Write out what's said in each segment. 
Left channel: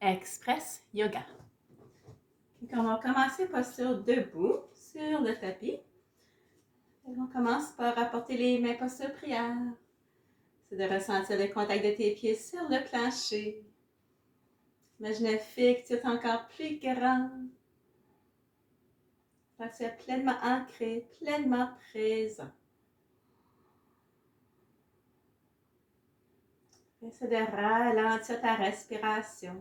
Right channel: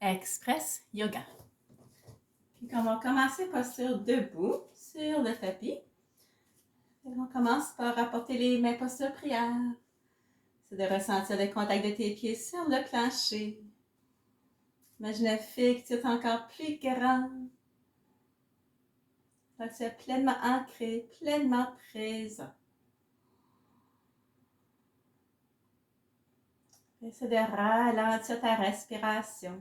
Express Yoga. Puis on va commencer posture debout sur le tapis. Et on commence par apporter les mains posture prière. C'est de ressentir le contact de tes pieds sur le plancher. Imagine un fixe, tu es encore plus grand. Tu es pleinement ancré, pleinement présent. Essaie de ralentir ta respiration.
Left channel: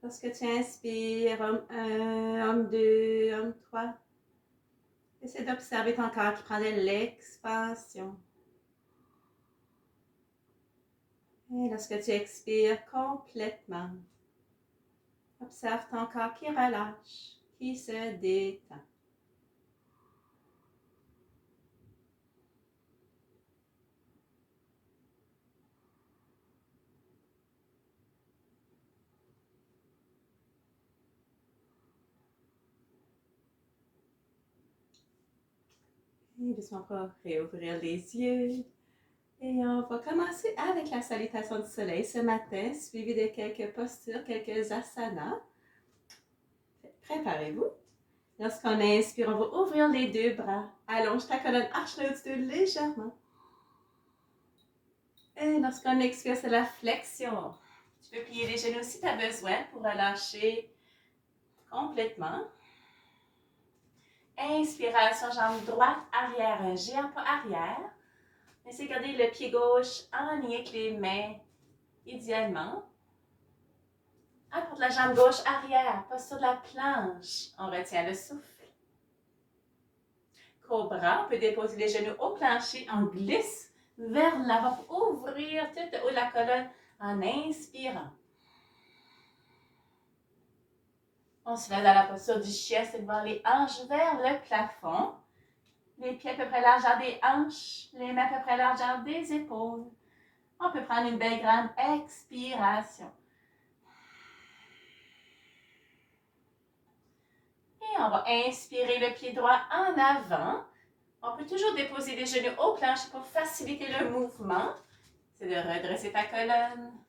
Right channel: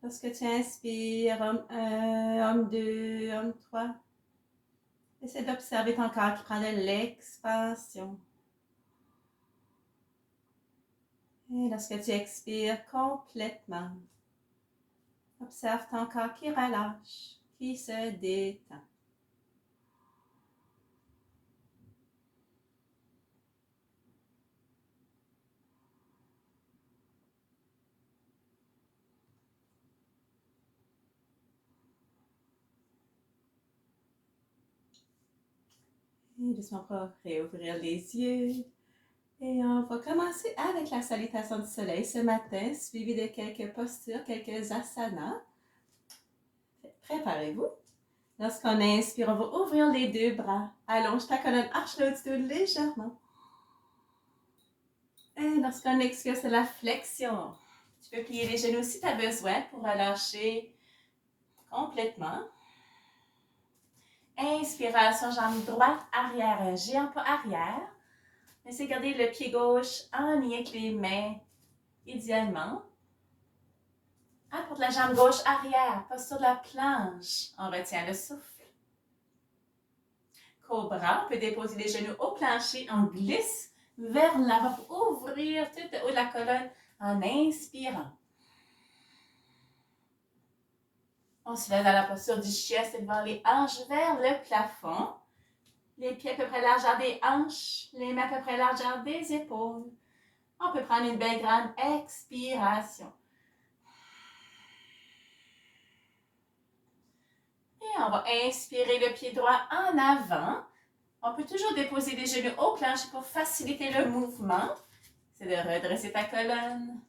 Lorsque tu inspires, homme 1, homme 2, homme 3, essaie d'observer ton corps qui prend de l'expansion. Et lorsque tu expires complètement, observe ton corps qui relâche, qui se détend. Et doucement, on va réouvrir les yeux. Et on va commencer avec la salutation du soleil ce matin, suivi de quelques postures, quelques asanas. Préparez-vous. Lorsqu'on inspire, on va ouvrir les deux bras. Allonge ta colonne, arche le haut légèrement. Et lorsqu'on expire, c'est la flexion. Tu peux plier les genoux si tu as besoin pour relâcher complètement. Inspiration, jambe droite, arrière, un géant pas arrière. Essayez de garder le pied gauche en lien avec les mains, idéalement. Apporte la jambe gauche arrière, posture de la planche. On retient le souffle. Cobra, on peut déposer les genoux au plancher. On glisse vers l'avant pour ouvrir tout le haut de la colonne en inspirant. On se lève dans la posture du chien, c'est devant les hanches vers le plafond. Les pieds à peu près largeur des hanches, les mains à peu près largeur des épaules. On peut prendre une belle grande expiration. Et on va inspirer le pied droit en avant. On peut toujours déposer les genoux au plancher pour faciliter le mouvement. C'est de redresser ta colonne.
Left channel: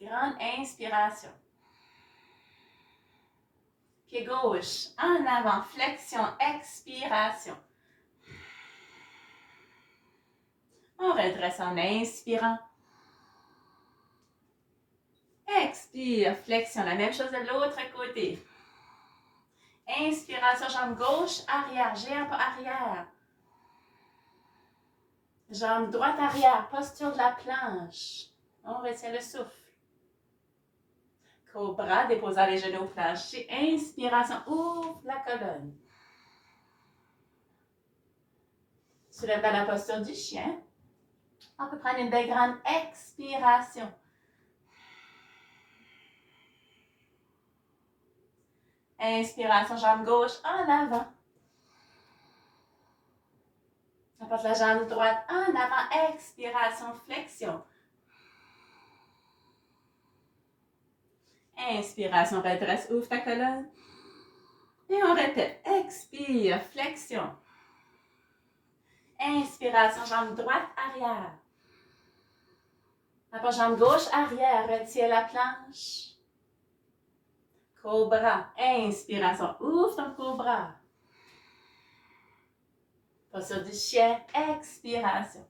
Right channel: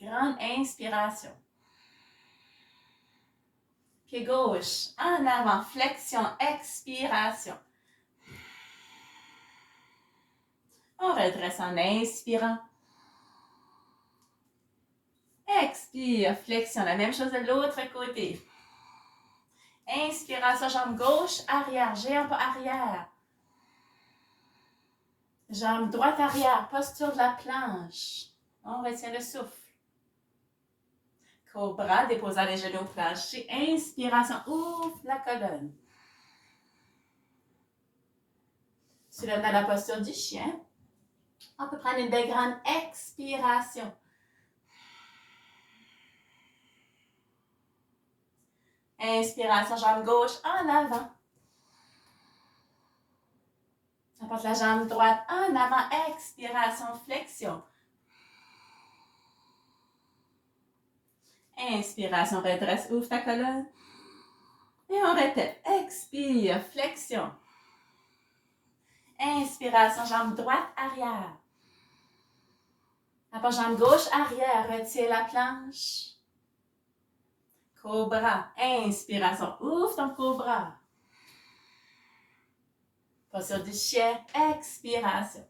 Grande inspiration. Pied gauche en avant, flexion, expiration. On redresse en inspirant. Expire, flexion, la même chose de l'autre côté. Inspiration, jambe gauche, arrière, géant pas arrière. Jambe droite arrière, posture de la planche. On retient le souffle. Cobra, déposant les genoux au plancher. Inspiration, ouvre la colonne. Soulève dans la posture du chien. On peut prendre une belle grande expiration. Inspiration, jambe gauche en avant. Apporte la jambe droite en avant. Expiration, flexion. Inspiration, redresse, ouvre ta colonne. Et on répète. Expire, flexion. Inspiration, jambe droite, arrière. Apporte jambe gauche, arrière. Retire la planche. Cobra. Inspiration, ouvre ton cobra. Posture du chien. Expiration.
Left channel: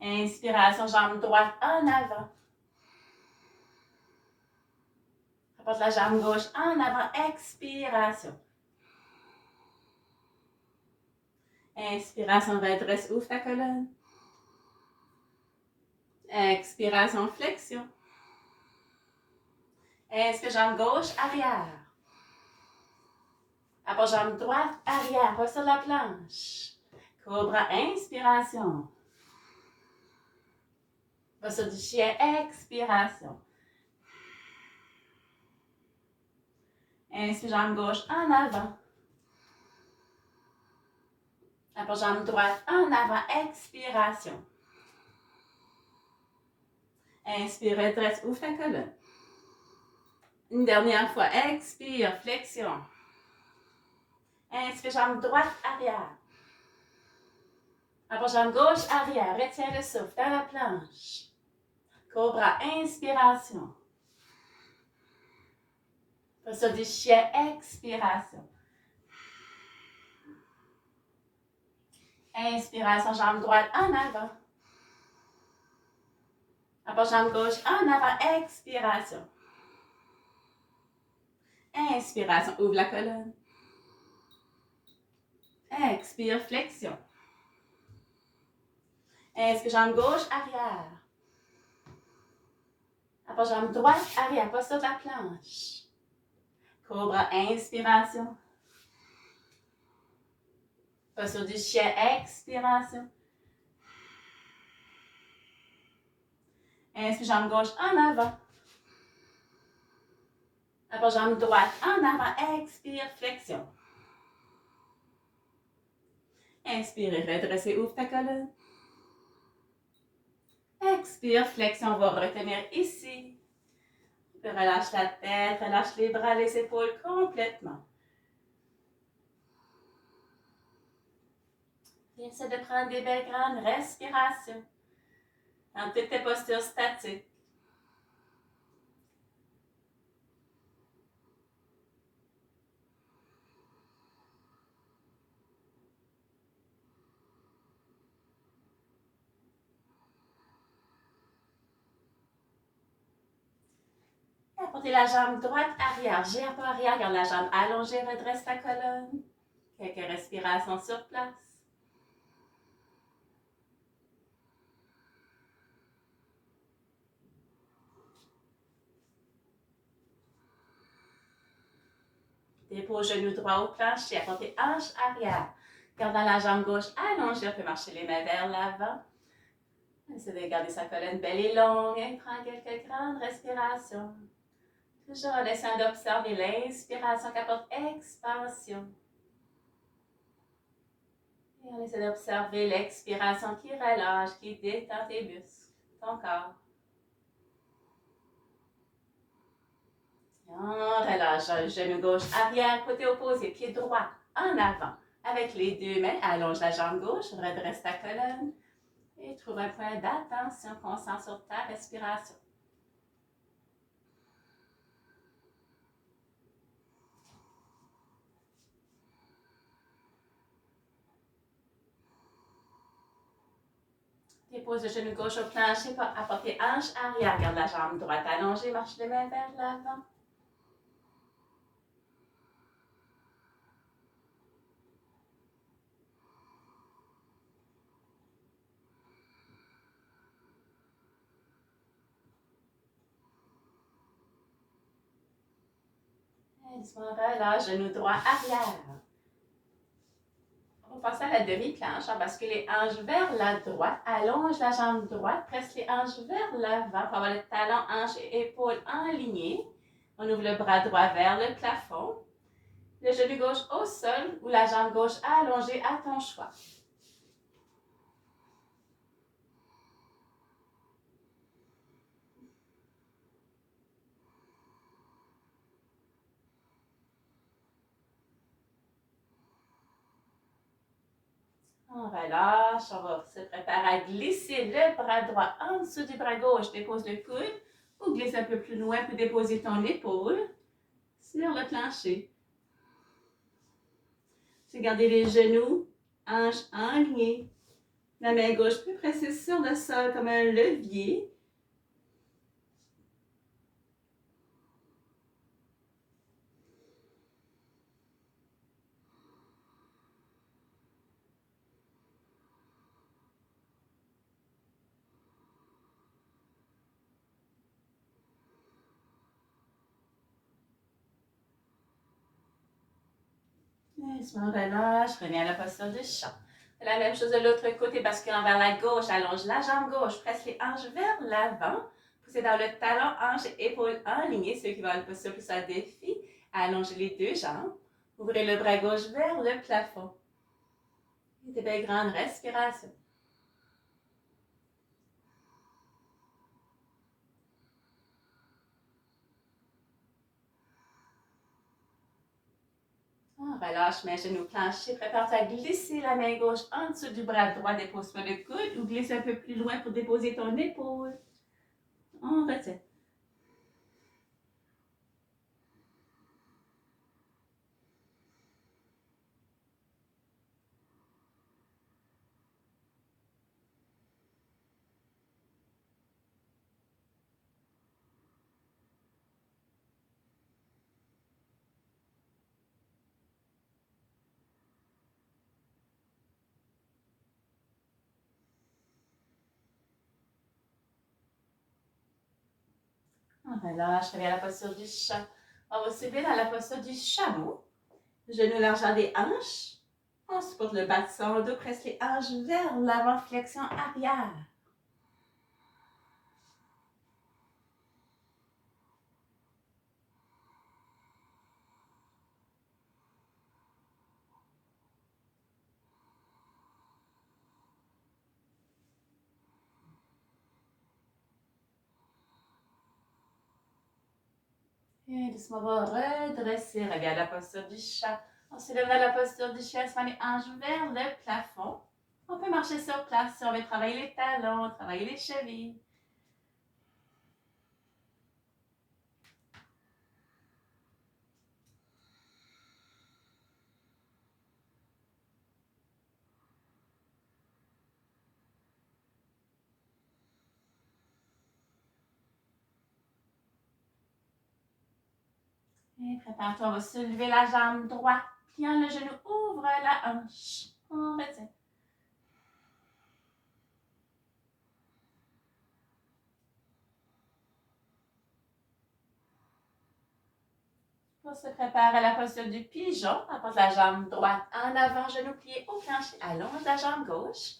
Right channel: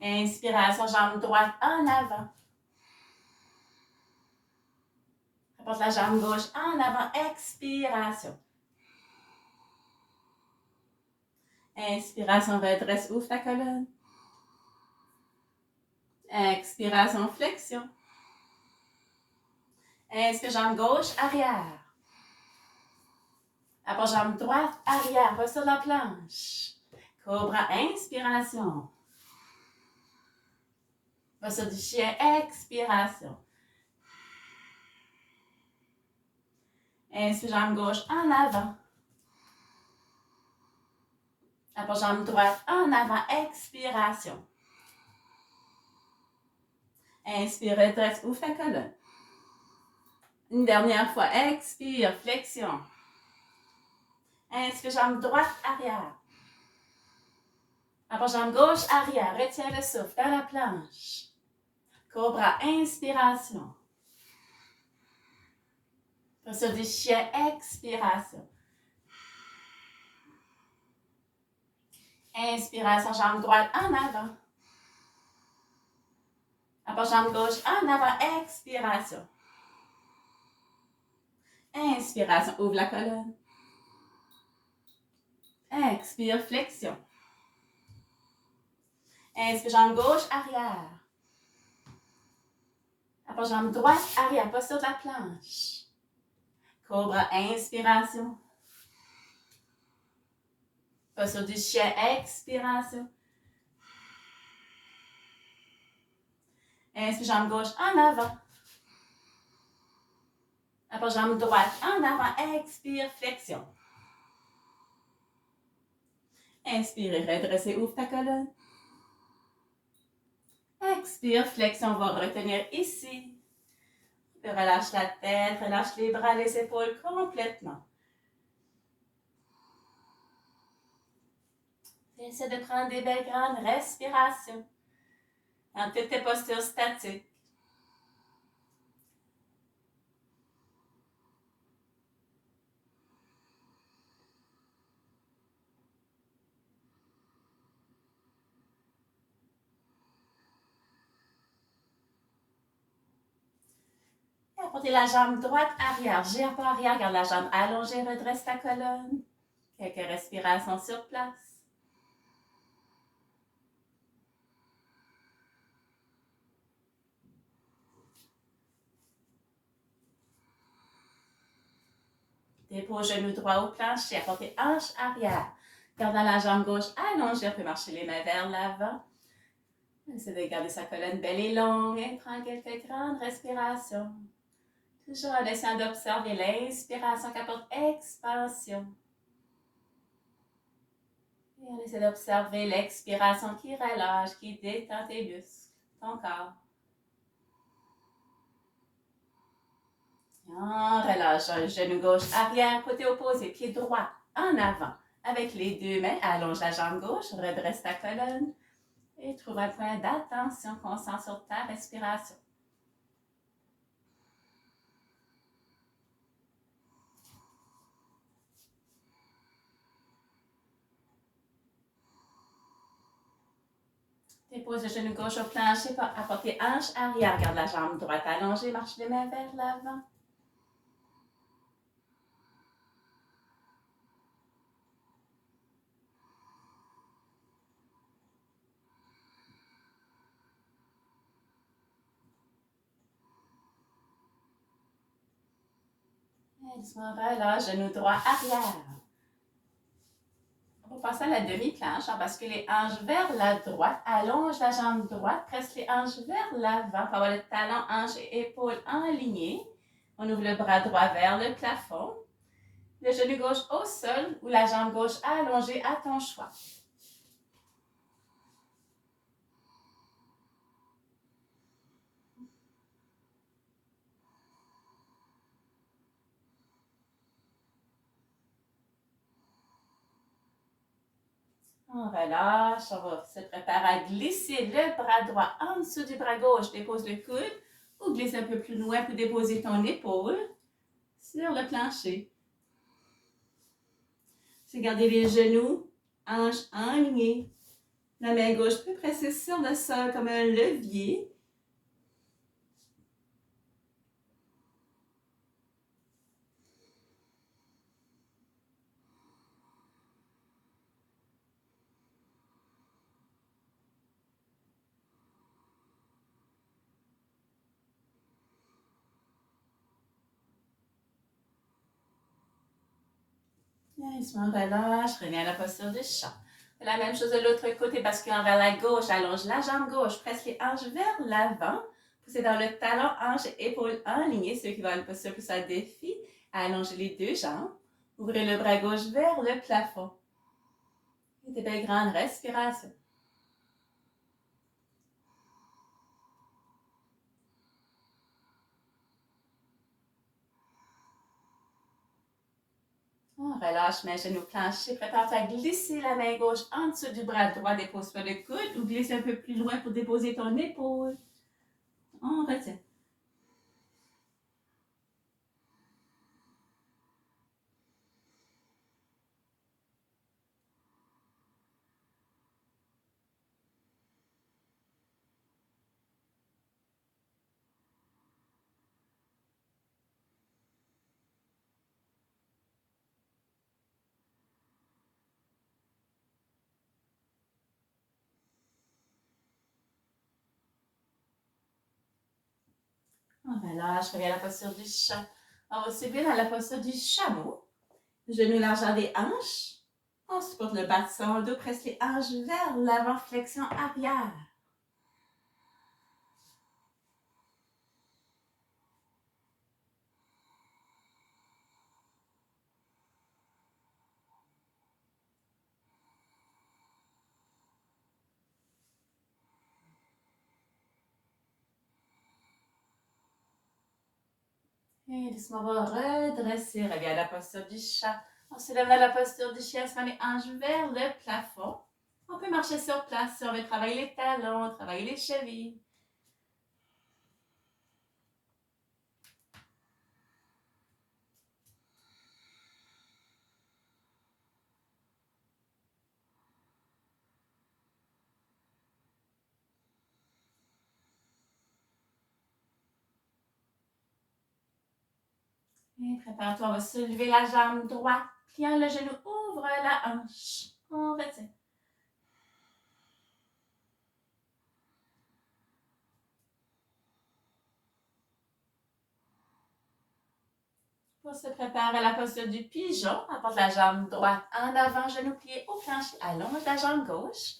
Inspiration, jambe droite en avant. Apporte la jambe gauche en avant. Expiration. Inspiration, redresse, ouvre ta colonne. Expiration, flexion. Inspire, jambe gauche, arrière. Apporte jambe droite, arrière, posture de la planche. Cobra, inspiration. Posture du chien, expiration. Inspire, jambe gauche en avant. Apporte jambe droite en avant, expiration. Inspire, redresse, ouvre ta colonne. Une dernière fois, expire, flexion. Inspire, jambe droite, arrière. Apporte jambe gauche, arrière. Retiens le souffle dans la planche. Cobra, inspiration. Posture du chien, expiration. Inspiration, jambe droite en avant. Après, jambe gauche en avant, expiration. Inspiration, ouvre la colonne. Expire, flexion. Inspire, jambe gauche, arrière. Après, jambe droite, arrière, posture de la planche. Cobra, inspiration. Posture du chien, expiration. Inspire, jambe gauche en avant. Après, jambe droite en avant, expire, flexion. Inspire, redresser, ouvre ta colonne. Expire, flexion, on va retenir ici. Puis relâche la tête, relâche les bras, les épaules complètement. Essaie de prendre des belles grandes respirations dans toutes tes postures statiques. Apportez la jambe droite arrière, gire pas arrière, garde la jambe allongée, redresse ta colonne. Quelques respirations sur place. Dépose genou droit au plancher, apportez hanche arrière. Gardant la jambe gauche allongée, on peut marcher les mains vers l'avant. Essayez de garder sa colonne belle et longue. Et prends quelques grandes respirations. Toujours en essayant d'observer l'inspiration qui apporte expansion. Et on essaie d'observer l'expiration qui relâche, qui détend tes muscles, ton corps. On relâche un genou gauche arrière, côté opposé, pied droit en avant. Avec les deux mains, allonge la jambe gauche, redresse ta colonne et trouve un point d'attention constant sur ta respiration. Dépose le genou gauche au plancher, apportez hanche arrière, garde la jambe droite allongée, marche les mains vers l'avant. Doucement relâche, genou droit arrière. On va passer à la demi-planche, on bascule les hanches vers la droite, allonge la jambe droite, presse les hanches vers l'avant pour avoir le talon, hanche et épaules alignés. On ouvre le bras droit vers le plafond. Le genou gauche au sol ou la jambe gauche allongée à ton choix. On relâche, on va se préparer à glisser le bras droit en dessous du bras gauche. Dépose le coude ou glisse un peu plus loin pour déposer ton épaule sur le plancher. C'est garder les genoux, hanches alignées. La main gauche peut presser sur le sol comme un levier. Doucement relâche, reviens à la posture du chat. La même chose de l'autre côté, basculant vers la gauche, allonge la jambe gauche, presse les hanches vers l'avant. Poussez dans le talon, hanches et épaules alignées. Ceux qui veulent une posture plus à défi, allongez les deux jambes. Ouvrez le bras gauche vers le plafond. Et des belles grandes respirations. On relâche main, genoux plancher. Prépare-toi à glisser la main gauche en dessous du bras droit. Dépose-toi le coude ou glisse un peu plus loin pour déposer ton épaule. On retient. On relâche, reviens à la posture du chat. On va subir à la posture du chameau. Genoux largeur des hanches. On supporte le bas de son dos, presse les hanches vers l'avant, flexion arrière. Et doucement, on va redresser. Regarde la posture du chat. On se lève dans la posture du chien, se met les hanches vers le plafond. On peut marcher sur place si on veut travailler les talons, travailler les chevilles. Et prépare-toi, on va soulever la jambe droite, pliant le genou, ouvre la hanche. On retient. On se prépare à la posture du pigeon. Apporte la jambe droite en avant, genou plié au plancher. Allonge la jambe gauche.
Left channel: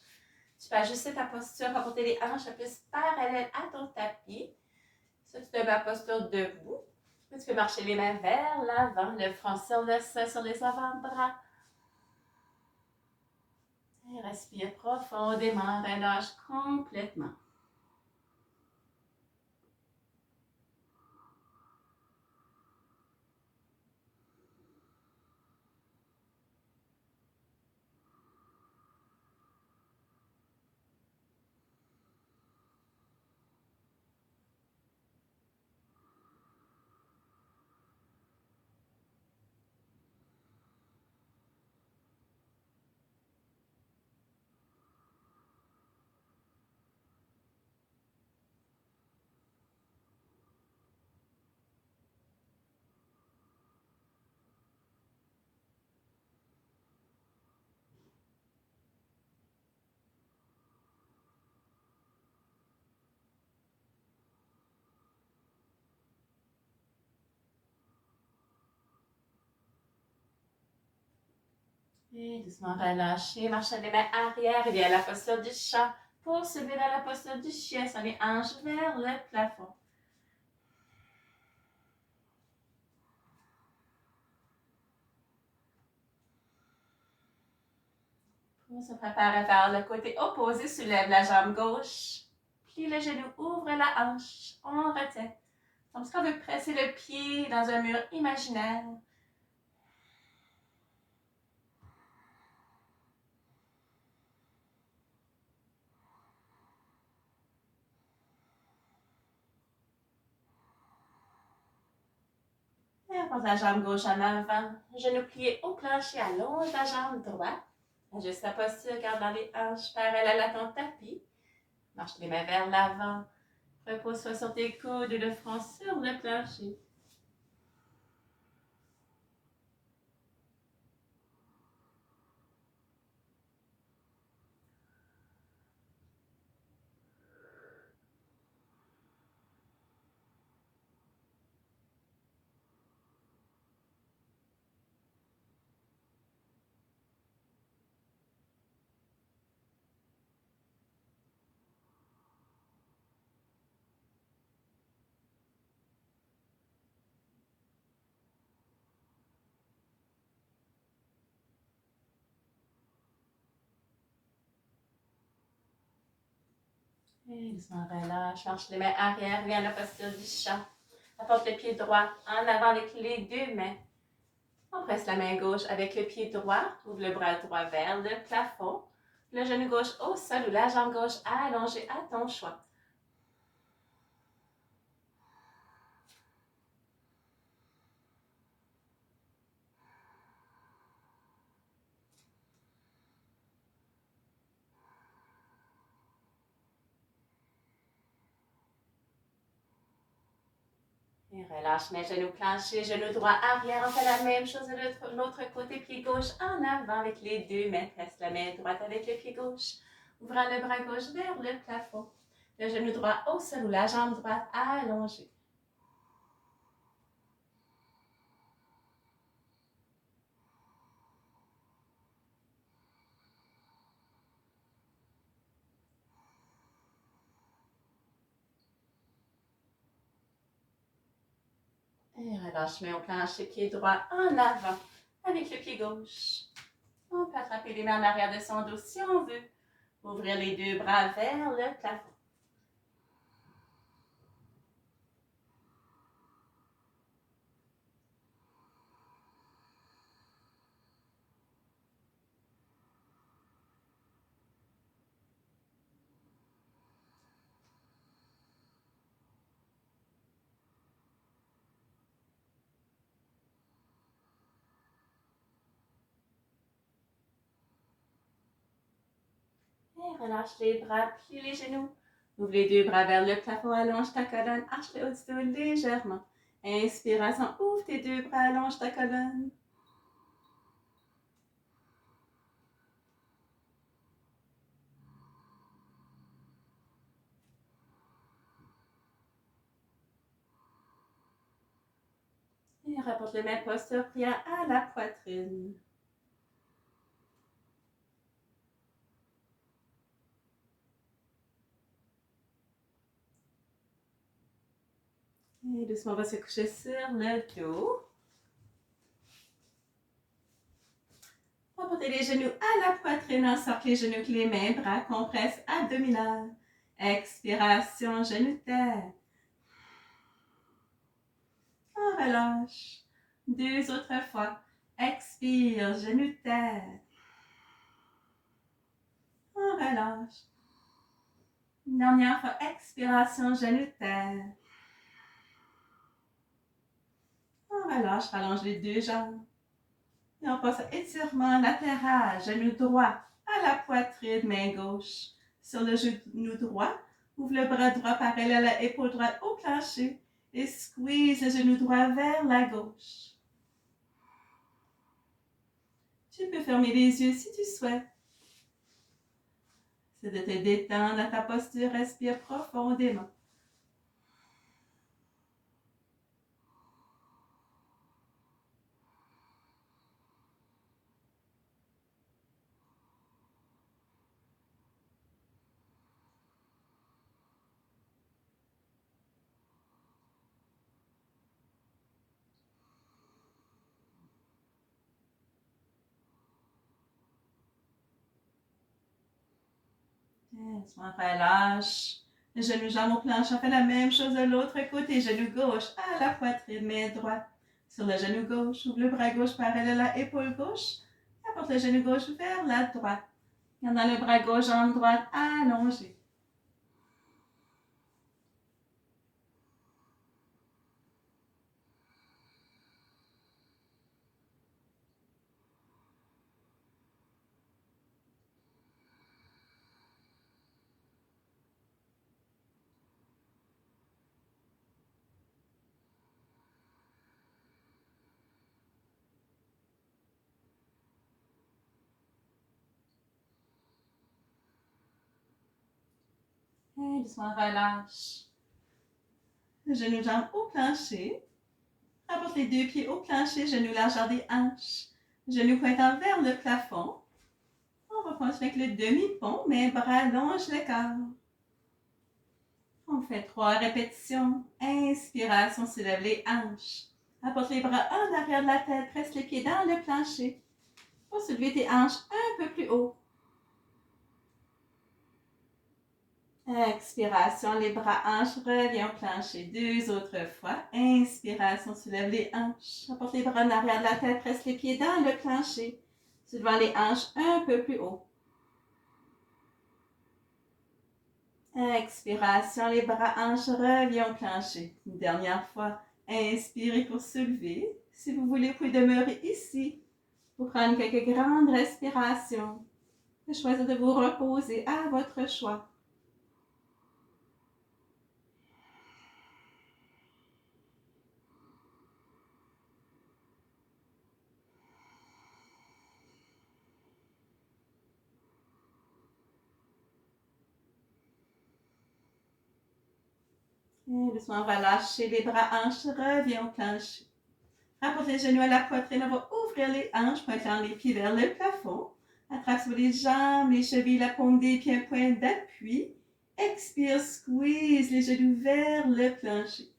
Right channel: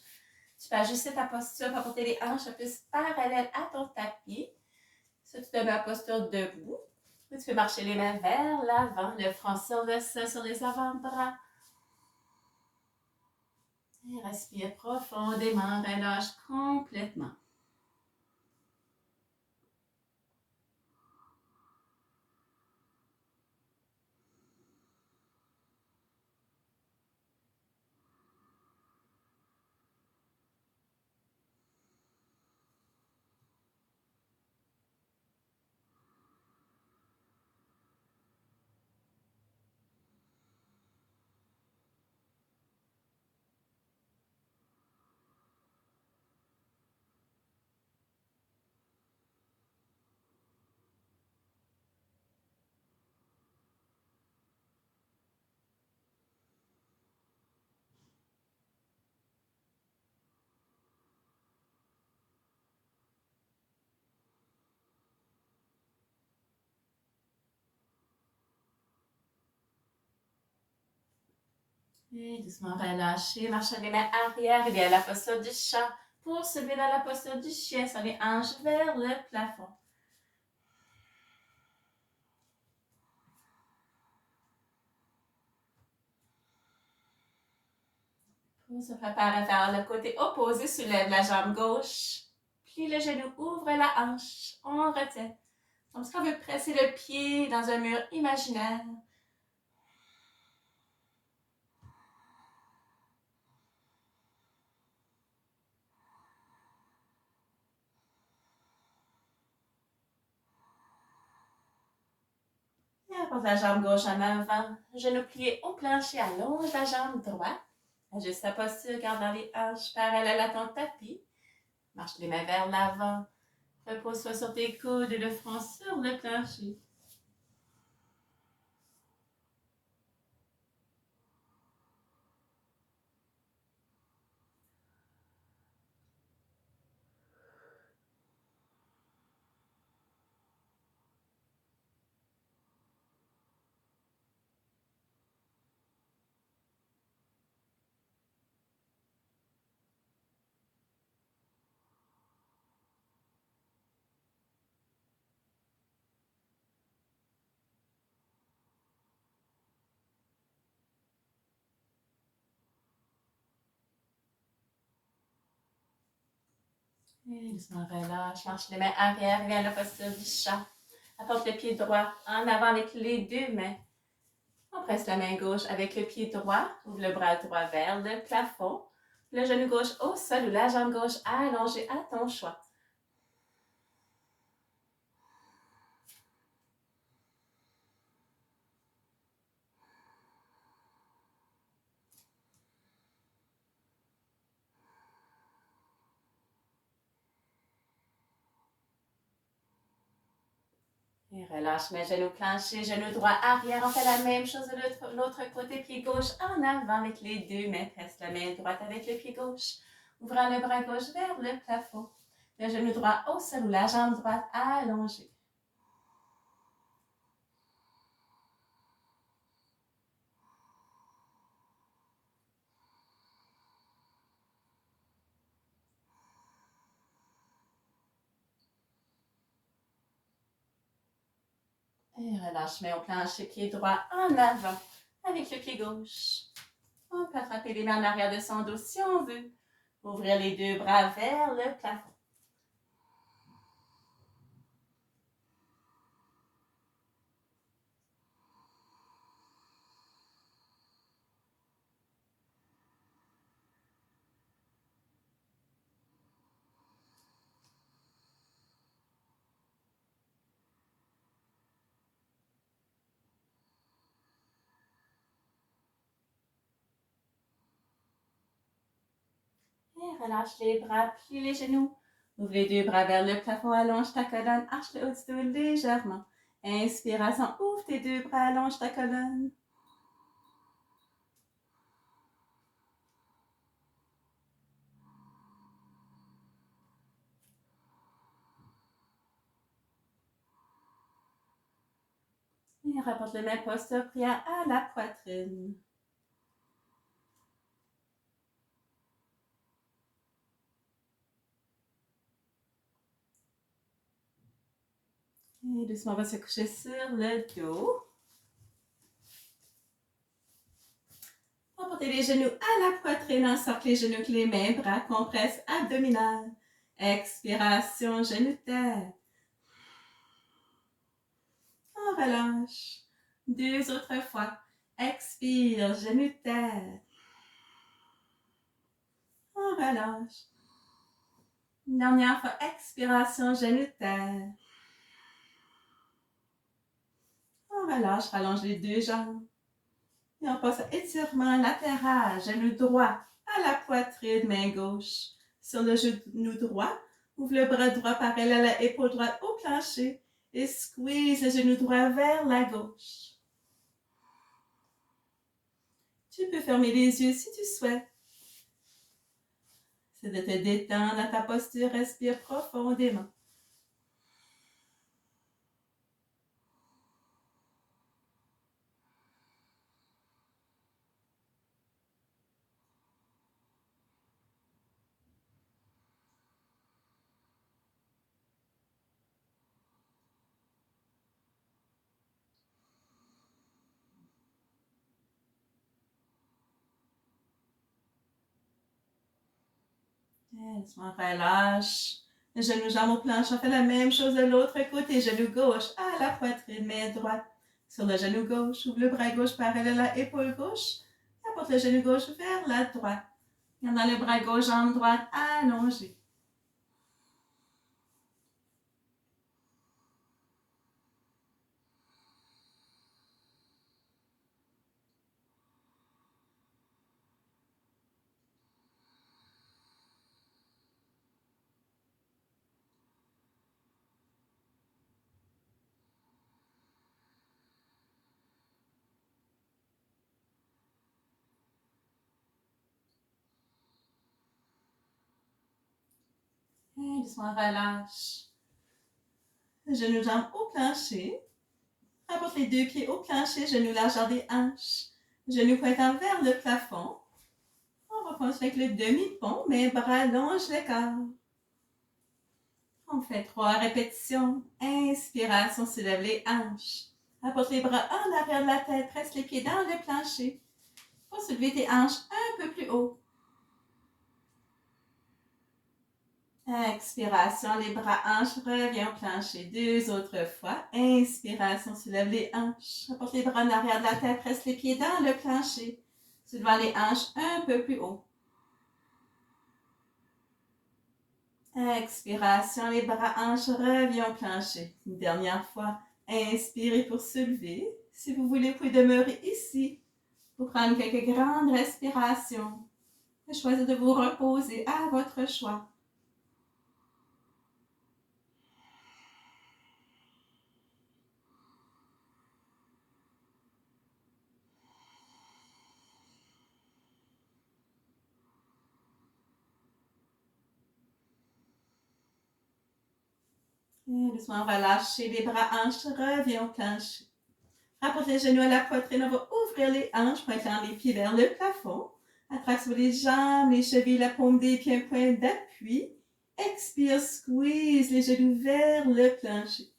Tu peux ajuster ta posture pour porter les hanches plus parallèles à ton tapis. Si tu te mets en posture debout, tu peux marcher les mains vers l'avant, le front sur le sol, sur les avant-bras. Et respire profondément, relâche complètement. Et doucement relâcher, marcher les mains arrière et bien la posture du chat pour se lever dans la posture du chien, sur les hanches vers le plafond. On se prépare à faire le côté opposé, soulève la jambe gauche, plie le genou, ouvre la hanche, on retient. Comme si on veut presser le pied dans un mur imaginaire. Et apporte la jambe gauche en avant, genou plié au plancher, allonge la jambe droite. Ajuste ta posture, gardant les hanches parallèles à ton tapis. Marche les mains vers l'avant. Repose-toi sur tes coudes et le front sur le plancher. Et doucement relâche, marche les mains arrière, viens à la posture du chat. Apporte le pied droit en avant avec les deux mains. On presse la main gauche avec le pied droit, ouvre le bras droit vers le plafond. Le genou gauche au sol ou la jambe gauche allongée à ton choix. Et relâche mes genoux planchés, genoux droits arrière. On fait la même chose de l'autre côté, pied gauche en avant avec les deux mains. Presse la main droite avec le pied gauche. Ouvrant le bras gauche vers le plafond. Le genou droit au sol ou la jambe droite allongée. Et relâche main au plancher, pied droit en avant avec le pied gauche. On peut attraper les mains en arrière de son dos si on veut. Ouvrir les deux bras vers le plafond. Et relâche les bras, plie les genoux. Ouvre les deux bras vers le plafond, allonge ta colonne, arche le haut du dos légèrement. Inspiration, ouvre tes deux bras, allonge ta colonne. Et rapporte les mains posture prière à la poitrine. Et doucement, on va se coucher sur le dos. On va porter les genoux à la poitrine, encercle les genoux avec les mains, bras, compresse abdominale. Expiration, genoux terre. On relâche. Deux autres fois. Expire, genoux terre. On relâche. Une dernière fois, expiration, genoux terre. On relâche, rallonge les deux jambes. Et on passe à étirement latéral, genou droit à la poitrine, main gauche. Sur le genou droit, ouvre le bras droit parallèle à l'épaule droite au plancher et squeeze le genou droit vers la gauche. Tu peux fermer les yeux si tu souhaites. C'est de te détendre dans ta posture, respire profondément. Doucement, relâche. Genou, jambe au plancher. On fait la même chose de l'autre côté. Genou gauche à la poitrine, main droite. Sur le genou gauche, ouvre le bras gauche parallèle à l'épaule gauche. Apporte le genou gauche vers la droite. Gardant le bras gauche, jambe droite allongée. Et doucement, relâche. Genou, jambe au plancher. Apporte les deux pieds au plancher, genou largeur des hanches. Genou pointant vers le plafond. On va continuer avec le demi-pont, mais bras allonge le corps. On fait 3 répétitions. Inspiration, soulève les hanches. Apporte les bras en arrière de la tête, presse les pieds dans le plancher. Pour soulever tes hanches un peu plus haut. Expiration, les bras hanches, reviens au plancher. Deux autres fois. Inspiration, soulève les hanches. Apporte les bras en arrière de la tête, presse les pieds dans le plancher. Soulevant les hanches un peu plus haut. Expiration, les bras hanches, reviens au plancher. Une dernière fois. Inspirez pour soulever. Si vous voulez, vous pouvez demeurer ici pour prendre quelques grandes respirations. Choisir de vous reposer à votre choix. Et doucement, on va lâcher les bras, hanches, reviens au plancher. Rapporte les genoux à la poitrine, on va ouvrir les hanches, pointant les pieds vers le plafond. Attrape sur les jambes, les chevilles, la paume des pieds, un point d'appui. Expire, squeeze les genoux vers le plancher.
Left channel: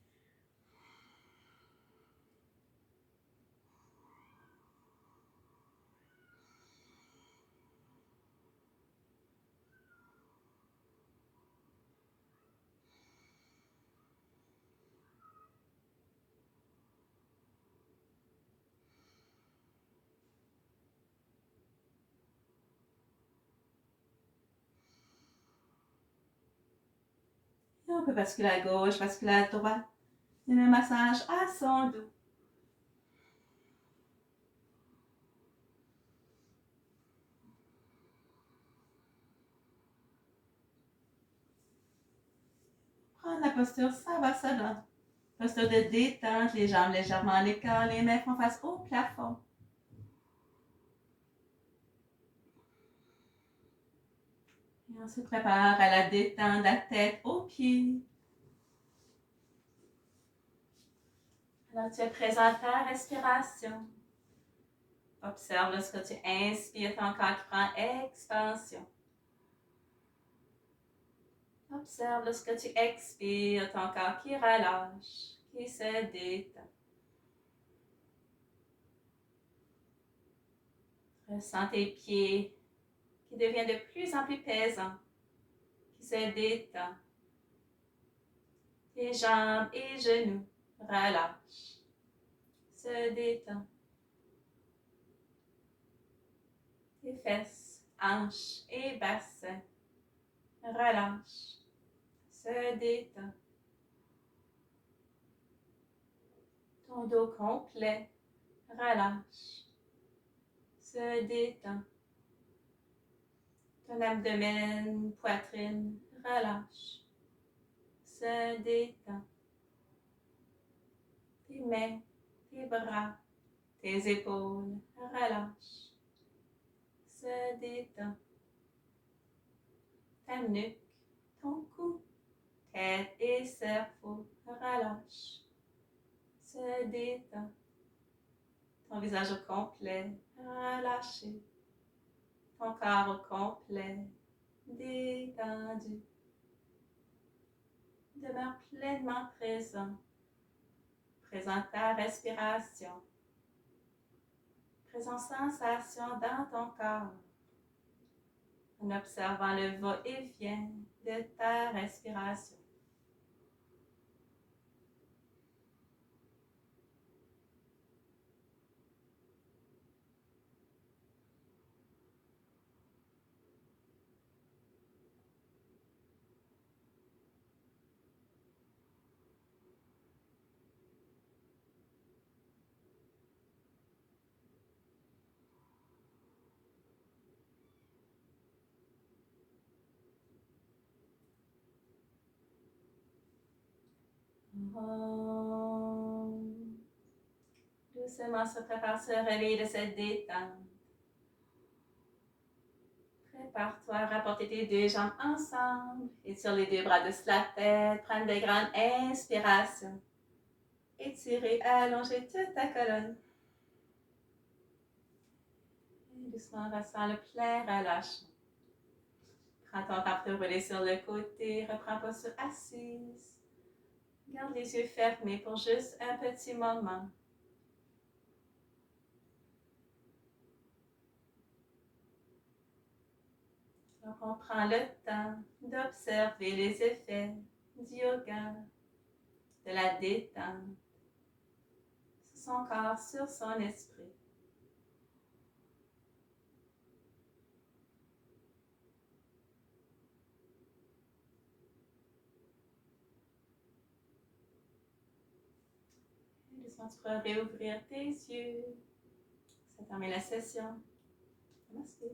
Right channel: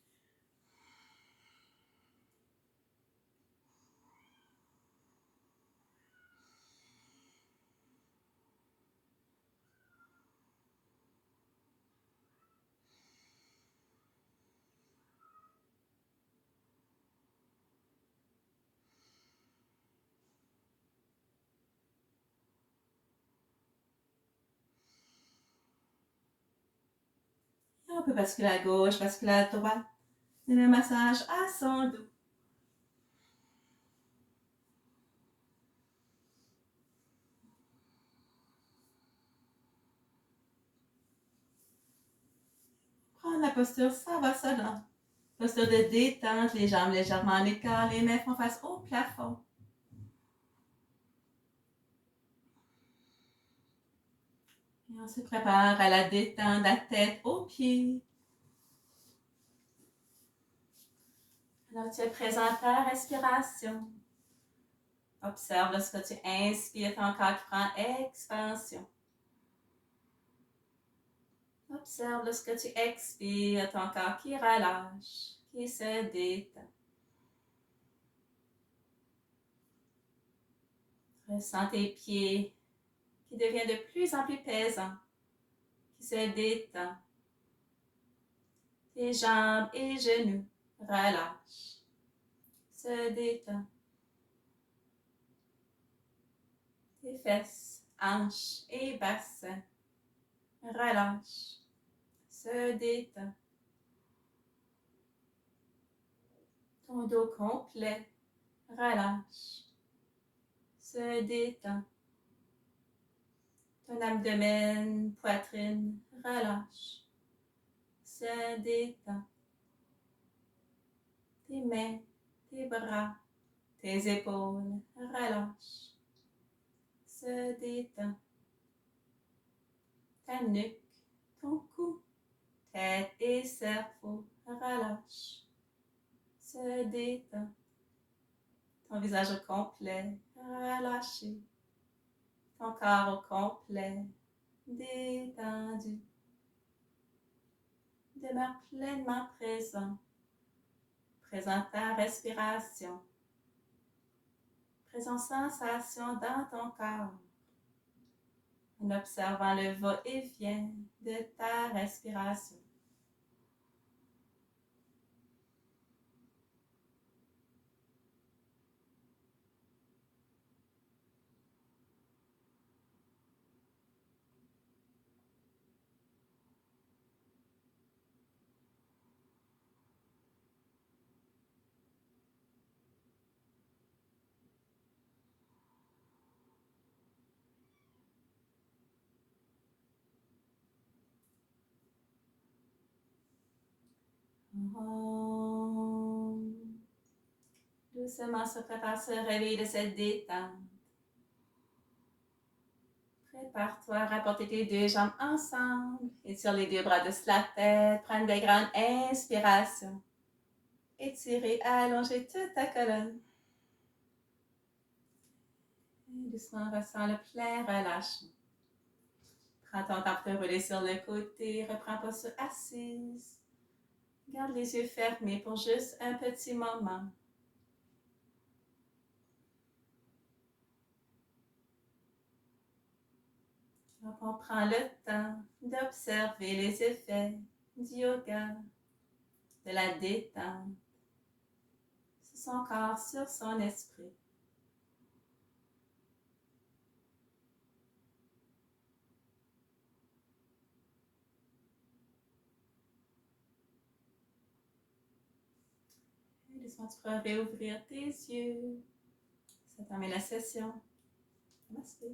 On peut basculer à gauche, basculer à droite. Et le massage à son dos. Prendre la posture Savasana. Posture de détente, les jambes légèrement en écart, les mains font face au plafond. Et on se prépare à la détente, la tête aux pieds. Alors tu es présent à ta respiration. Observe lorsque tu inspires ton corps qui prend expansion. Observe lorsque tu expires ton corps qui relâche, qui se détend. Ressens tes pieds qui deviennent de plus en plus pesants, qui se détendent. Tes jambes et genoux relâchent, se détendent. Tes fesses, hanches et bassins relâchent, se détendent. Ton dos complet relâche, se détend. Ton abdomen, poitrine relâche, se détend. Tes mains, tes bras, tes épaules relâchent, se détend. Ta nuque, ton cou, tête et cerveau relâchent, se détend. Ton visage au complet relâché. Ton corps au complet détendu. Demeure pleinement présent. Présent ta respiration. Présente sensation dans ton corps. En observant le va-et-vient de ta respiration. Doucement se prépare à se réveiller de cette détente. Prépare-toi à rapporter tes deux jambes ensemble. Étire les deux bras de la tête. Prends de grandes inspirations. Étirer, allonger toute ta colonne. Et doucement, ressens le plein relâchement. Prends ton temps pour te rouler sur le côté. Reprends posture assise. Garde les yeux fermés pour juste un petit moment. Donc, on prend le temps d'observer les effets du yoga, de la détente sur son corps, sur son esprit. Et doucement, tu pourras réouvrir tes yeux. Ça termine la session. Namaste.